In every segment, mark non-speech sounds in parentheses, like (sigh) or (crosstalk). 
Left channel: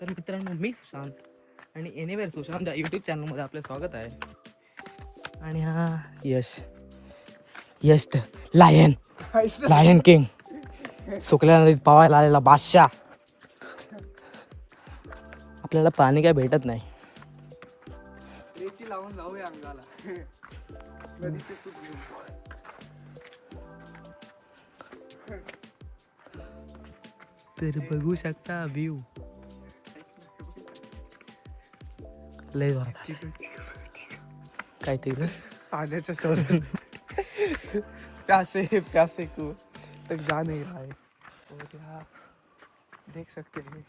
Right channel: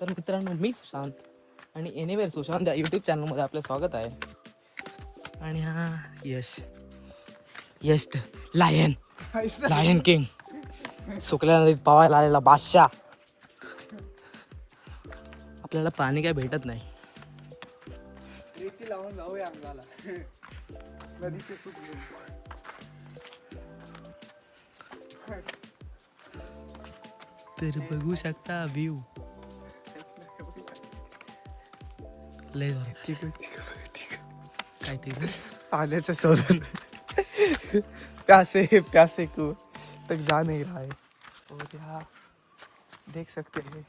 तर मित्रांनो मी सुशांत आणि एनिवेअर सुशांत या यूट्यूब चॅनलमध्ये आपलं स्वागत आहे. आणि हा Yash. Yash the lion lion king सुकल्या नदीत पवायला आलेला बादशाह. आपल्याला पाणी काय भेटत नाही. रेती लावून जाऊया अंगाला. नदीचं सुख घेऊन. तर बघू शकता व्ह्यू लय. काय ते ना? पाण्याचं शोधन. प्यासे प्यासे को तक जा नहीं रहा है यहाँ देख सकते हैं।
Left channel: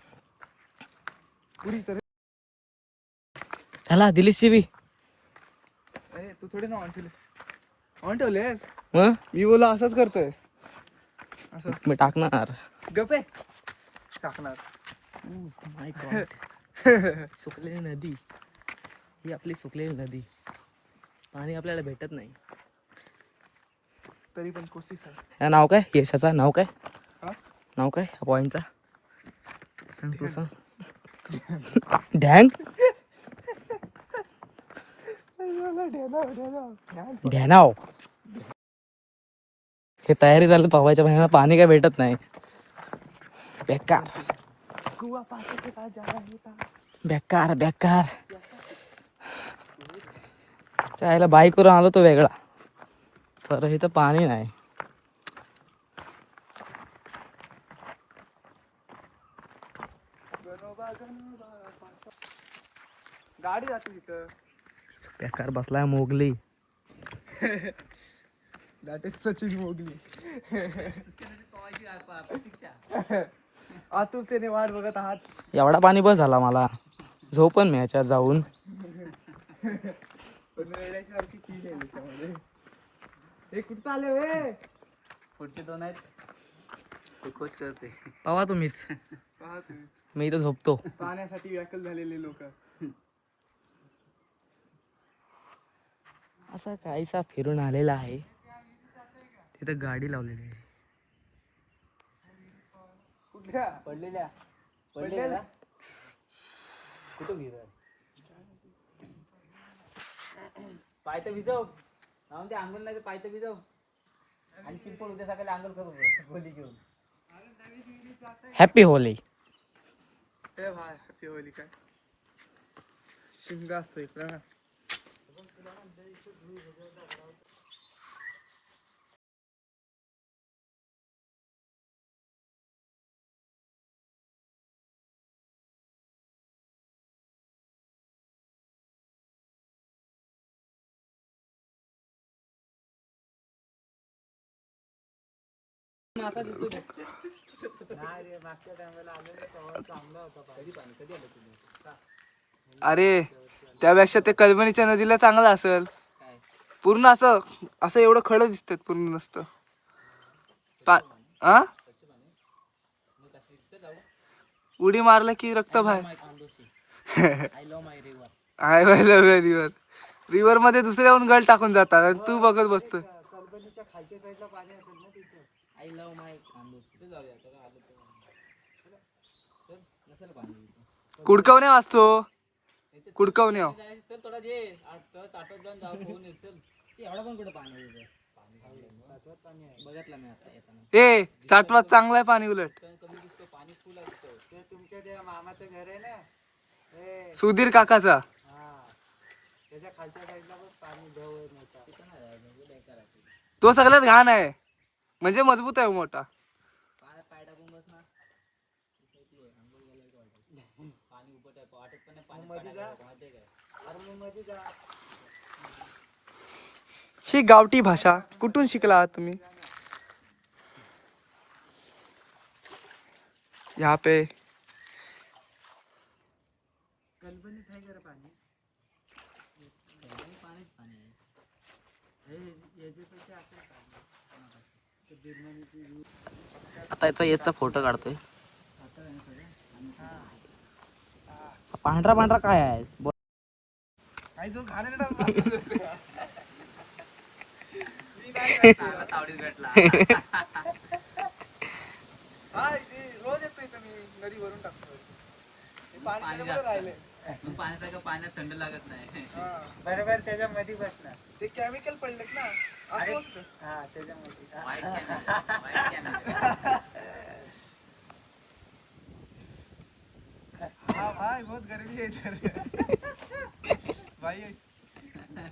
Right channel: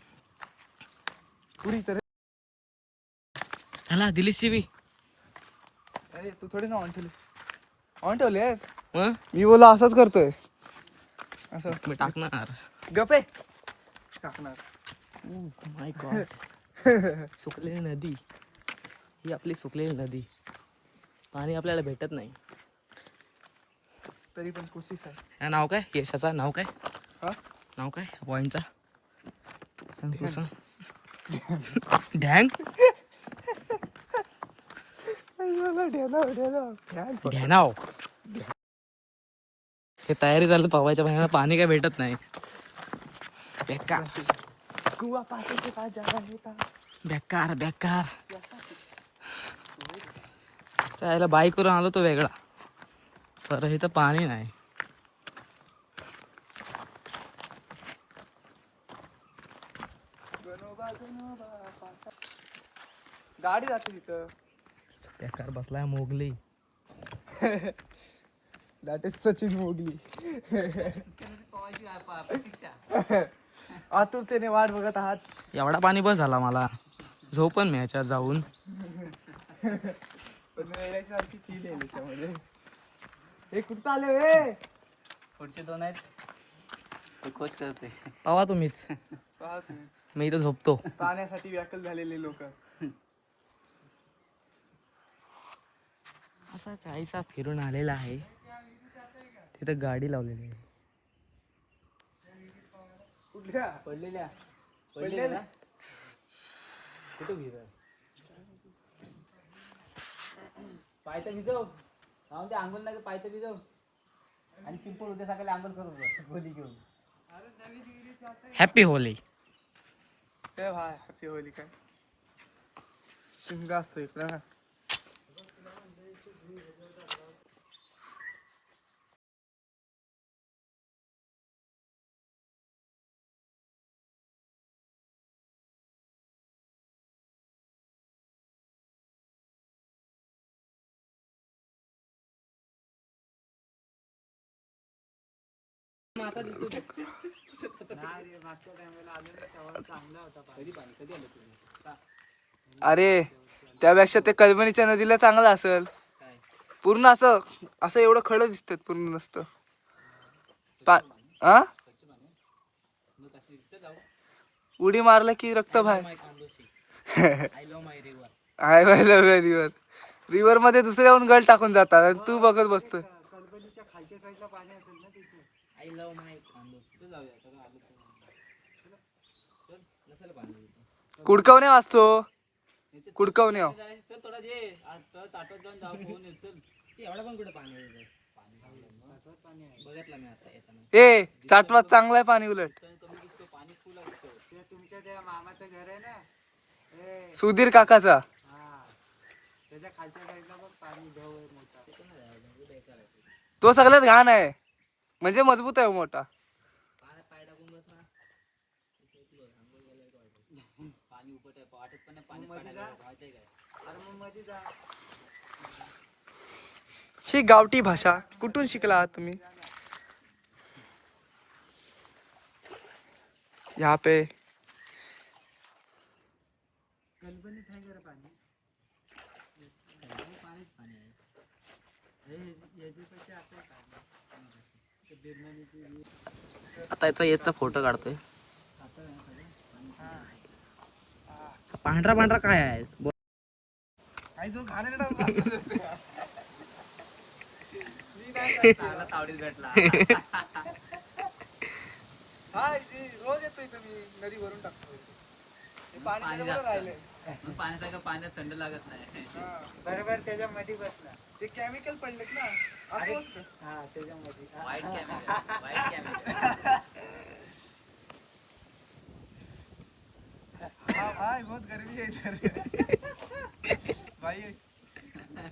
पूरी तरह चला दिलीस बी अरे तू थोडी ना ऑन ठेवलीस ऑन ठेवलेस? मी बोला असंच करतोय. असं. मी टाकणार. गपे टाकणार. माय गॉड (laughs) सुकलेली नदी. ही आपली सुकलेली नदी. पाणी आपल्याला भेटत नाही. तरी पण कोशिश आहे. नाव काय? यशाचा नाव काय? नाव काय? पॉईंटचा सांग तू सांग. ध्यान? ध्यानाव हे तयारी झाली पवायच्या पाण्याला पाणी काय भेटत नाही. बेकार. बेकार बेकार. त्याला बाईकवरून आलो तो वेगळा. पर इथं पाणी नाही गाडी जाते तिथं बेकार बसलाय Mowgli. (laughs) That is Sachin Mowgli. (laughs) आतुर त्याने वाट बघत आहात. एवढा पाणी बस झाला मला. झोप पण नाही याच्यात जाऊन. पण (laughs) आहे त्याच्यामध्ये हे कुठं आले वे? पुढचे दोन आहेत. कोच करते पवा तुम्हीच. पहा तुम्ही. मी इथं झोपतो. पाण्यासाठी व्याकुल झालेले लोक. असा काहीसा फिरून आलेला आहे. तिथं गाडी लावलेली आहे. कुठल्या? पडलेल्या. पडलेल्या कुठं? पाय तर भिजव. राहून ते आंघोळ नाही तर पाय तर भिजव. आणि सिंपल उद्या सकाळी आंघोळ करू गोली घेऊन. हॅपी होली ए हॅपी होली काय शिमगा असतो इकडं. ना अरे त्यापेक्षा ते कलमणीच्या नदीला चांगलं असेल. पूर्ण असं असं एवढं खडं दिसतात पूर्ण नसतं. पा आ? उडी मारलं की रक्त बाहेर. आय लव्ह माय रिवर आय माहिती रिवर रिवर मध्ये दुसरे येऊन गल टाकून जातात आणि तू बघत बसतोय. आय लव्ह माय खानदोस तिथे जाऊया आता आलो तर. चल. नसेल पाणी इथं. कुडकवणे वाचतो कुडकवणे हो. चल थोडा जे चाटत जाऊन जाऊ फोन येत चल. ते एवढा पण कुठं पाणी ए साठवात चांगलं आहे पाणी उलट. तर कमी दिसतो पाणी फुल असतो ते तुमच्या त्या मामाचं घर आहे ना? सुधीर काकाचा. हा. तो सगळ्यात घाण आहे. म्हणजे मज़बूत आहे मोठा. ही गावटी भाषा कुठून शिकला तुम्ही? यहाँ पे आता याचा याचा फोटो काढतोय. पांढरा पांढरा काय आहे? (laughs) हा रोज येतो इथं मी. नदी भरून टाकतो पाणी राहिले तू पाण्यात थंड लागत नाही. बरोबर त्याच्यामध्ये बसणार ते केमिकल पडलेत ना. असं असतं. हा त्याच्यामध्ये. हाँ भाई बहुत गर्मी है इधर. भाई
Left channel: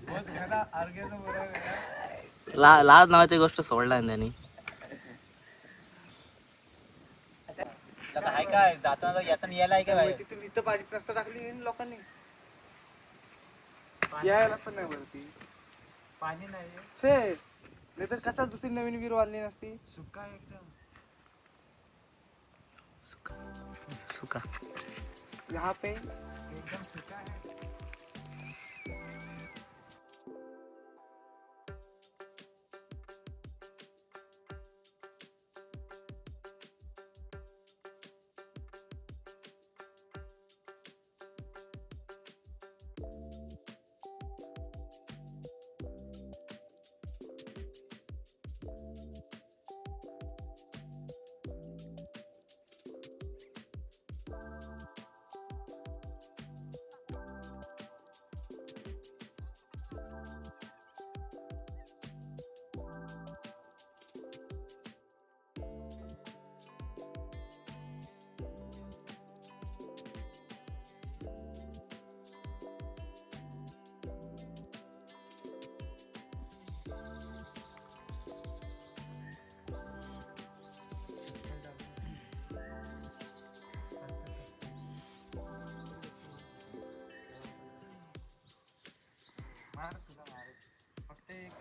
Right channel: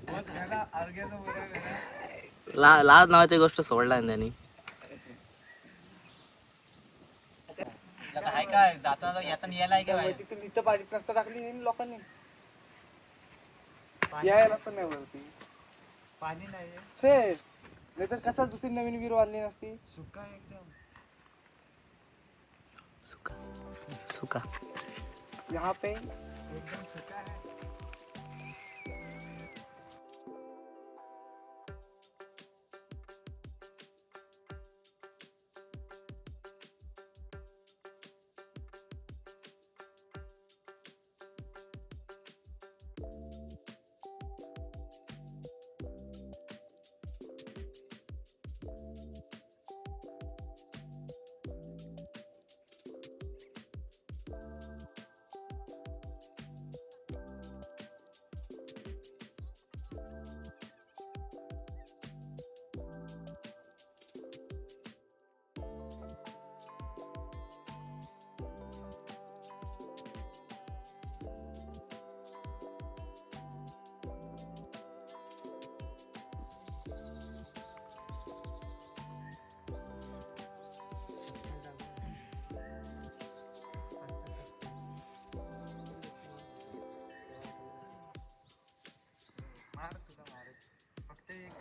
बहुत घना बोरा घना ला लाज नावाची गोष्ट सोडला त्यांनी. आता आहे काय जाताना येताना यायला आहे का बाहेर? तिथून इथं पाणी प्रस्ता टाकली आहे लोकांनी. यायला पण नाही वरती. पाणी नाही छे नाही तर कसा दुसरी नवीन विहीर बांधली नसती? सुका एकदम. सुका. सुका. यहाँ पे एकदम सुका है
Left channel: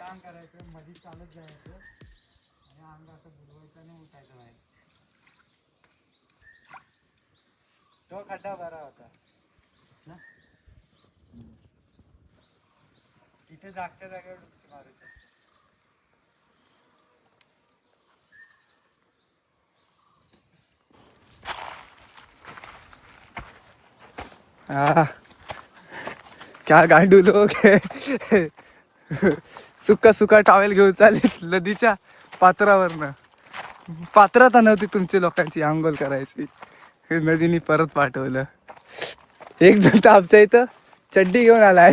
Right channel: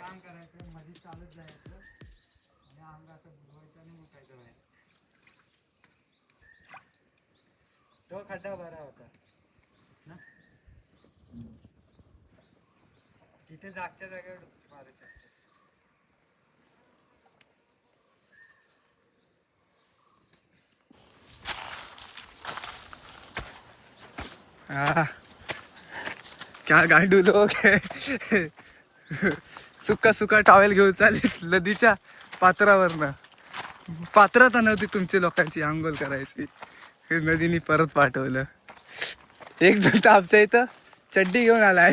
काम करायचं मध्ये चालत जायचं. आणि अंग असं बुलवायचं आणि उठायचं बाहेर तो खड्डा बरा होता. ना? तिथे जागच्या जागेवर डुबकी मारू शकतो. क्या गांडू लोक सुका सुका टॉवेल घेऊन चालेल नदीच्या पात्रावरनं. पात्रता नव्हती तुमची लोकांची आंघोळ करायची. नदीने परत पाठवलं. एक जण तर आमच्या इथं चड्डी घेऊन आला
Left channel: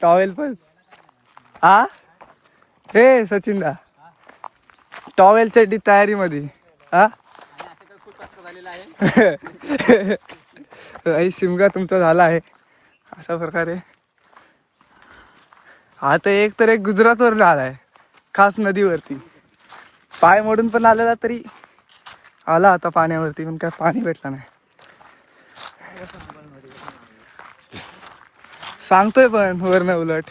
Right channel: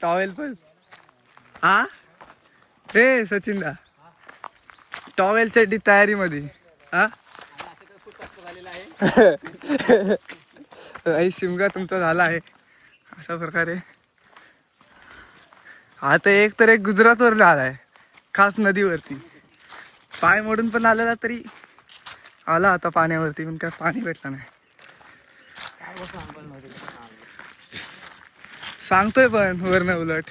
टॉवेल पण. हा? हे सचिनदा टॉवेल चड्डी तयारीमध्ये. हा? (laughs) झालेला आहे शिमगा तुमचा झाला आहे. अशा प्रकारे आता एक तर एक गुजरातवर आलाय खास नदीवरती. पाय मोडून पण आलेला तरी आला आता पाण्यावरती पण काय पाणी भेटलं नाही. सांगतोय पण वरनं उलट.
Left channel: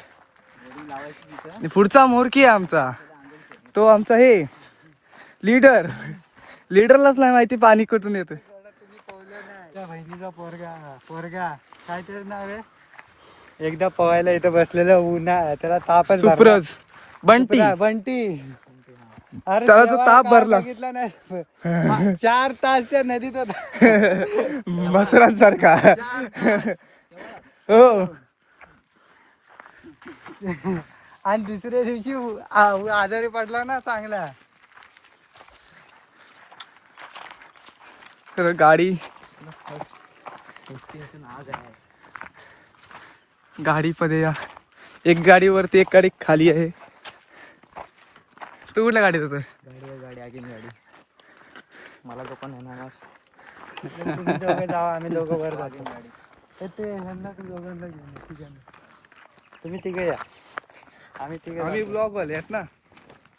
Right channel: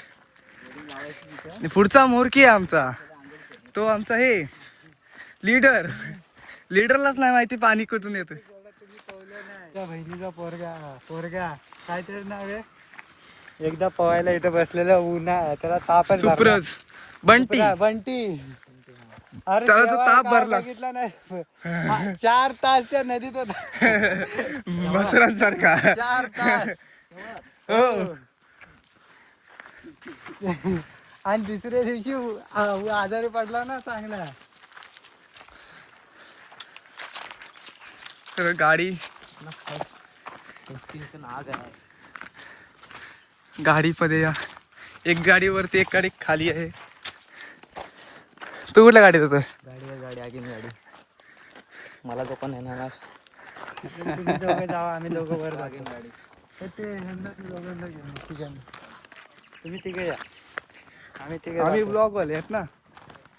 पुढचा मोरकी आहे आमचा. तो आमचा हे लीडर. लीडरलाच नाही माहिती पाणी कुठून येतं बहिणीचा पोरगा पोरगा. काय त्याचं नाव आहे? एकदा पवायला इथं बसलेलं उन्हा त्याला तापच सुप्रज बंटी. बंटी. अरे त्याला तो ताप भरला. बघितलं नाही. चार तास त्या नदीत होता. (laughs) मसरांसारखा चार तास. हो. आणि दुसऱ्या दिवशी आजारी पडला ना चांगला. तर गाडी. गाडीमध्ये या. एक गाडीवरती एक गाडी खाली आहे. तू कुठल्या गाडीत होत? गाडी गाडी आगीन गाडी. मला तो पण येणार. आम्ही दोघं वर आगीन गाडी. ते ह्यांना तू दोघांना घेऊन तिघांना तुम्ही तिघे या. आम्ही तिघे आम्ही जातो. ब्लॉग वाले आहेत ना?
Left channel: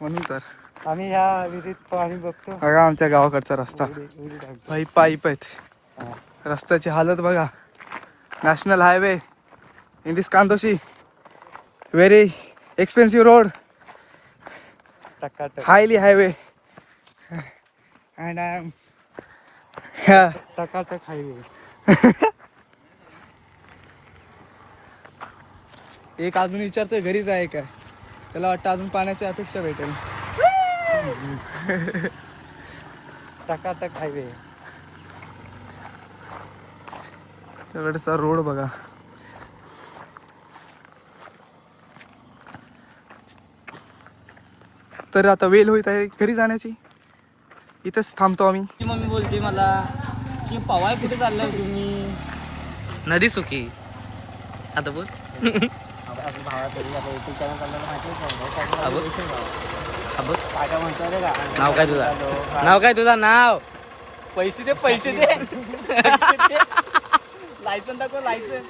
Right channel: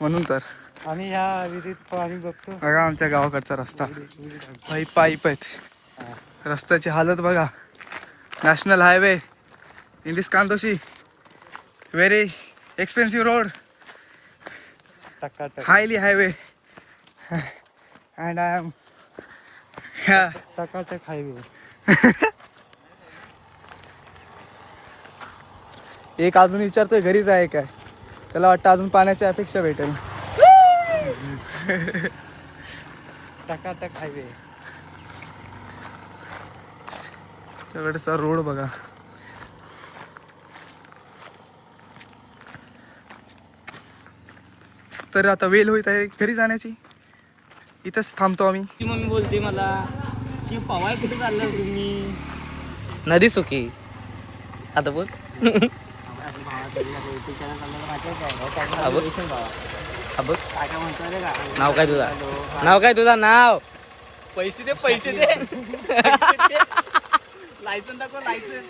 म्हणून तर. आम्ही ह्या विहिरीत पाणी बघतो. बघा आमच्या गावाकडचा रस्ता. पाईप पाईप आहेत. रस्त्याची हालत बघा. National highway. दिस कांदोशी व्हेरी एक्सपेन्सिव्ह रोड टकाटक highly highway. And I am yeah, टकाटक हायवे (laughs) एक अजून विचारतोय घरीच आहे काय त्याला वाटतं अजून पाण्याची अपेक्षा भेटेल. टकाटक हायवे रोड बघा. तर आता वेल होईत आहे घरी जाण्याची. इथंच थांबतो आम्ही. ती मम्मी बोलते मला की पवाय कुठे चाललाय तुम्ही? नदी सुकी आता बोल. नाव काय तुझा? नाव काय तुझा? नाव. पैसे दे पैसे दे. (laughs) लायसन दाखव लायसन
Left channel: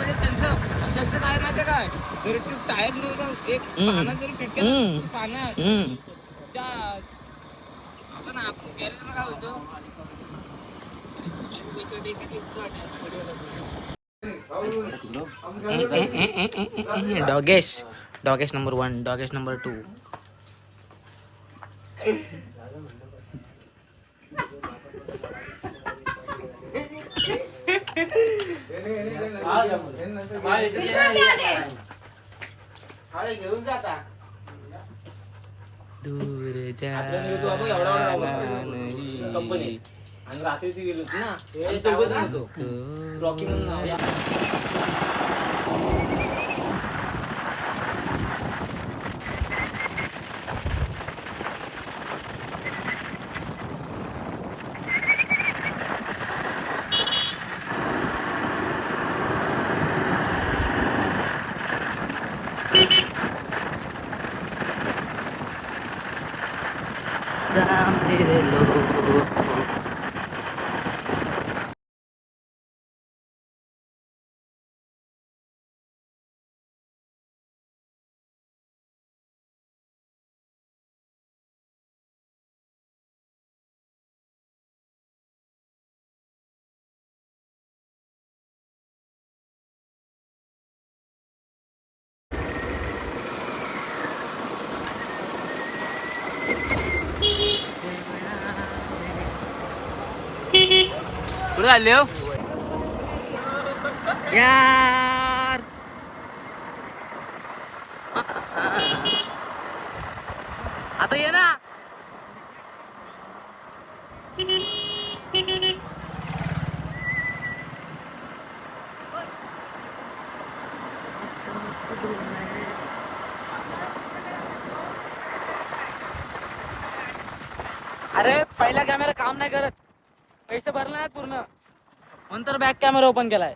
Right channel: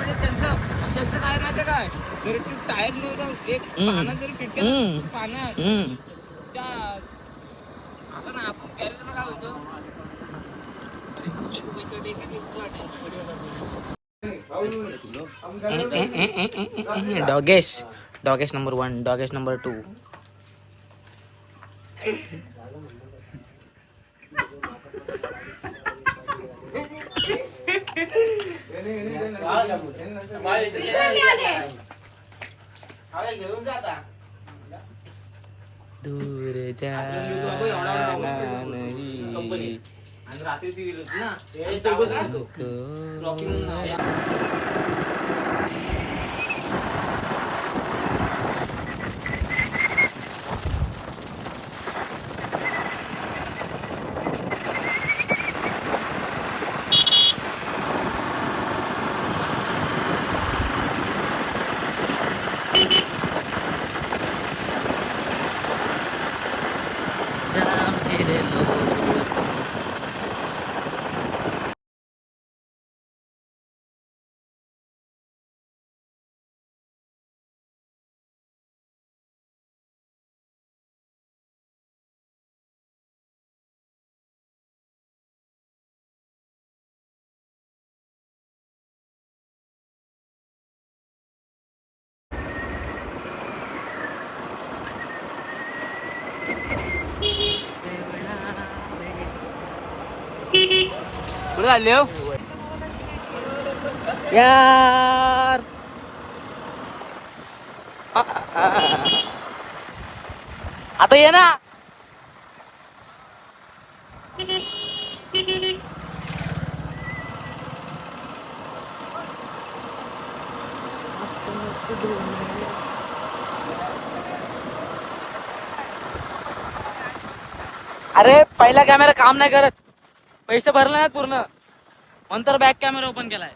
शकले त्यांचं काय माहिती काय जरी तू टायर नव्हतं एक हम्म. जरी हम्म. हम्म. त्या असं ना आपण गॅरेज काय होतो Dogesh Dogesh number one Dogesh number two दूर जाना नहीं आणि रात्री ती गेली होती ना हे चौघच होतो रॉकी म्हणून नाव आहे. हो यार. आता ये ना. अरे पहिला कॅमेरा काम नाही करत. पैसे भरले नाहीत पूर्ण. नंतर बॅक कॅमेरा ओपन केलाय.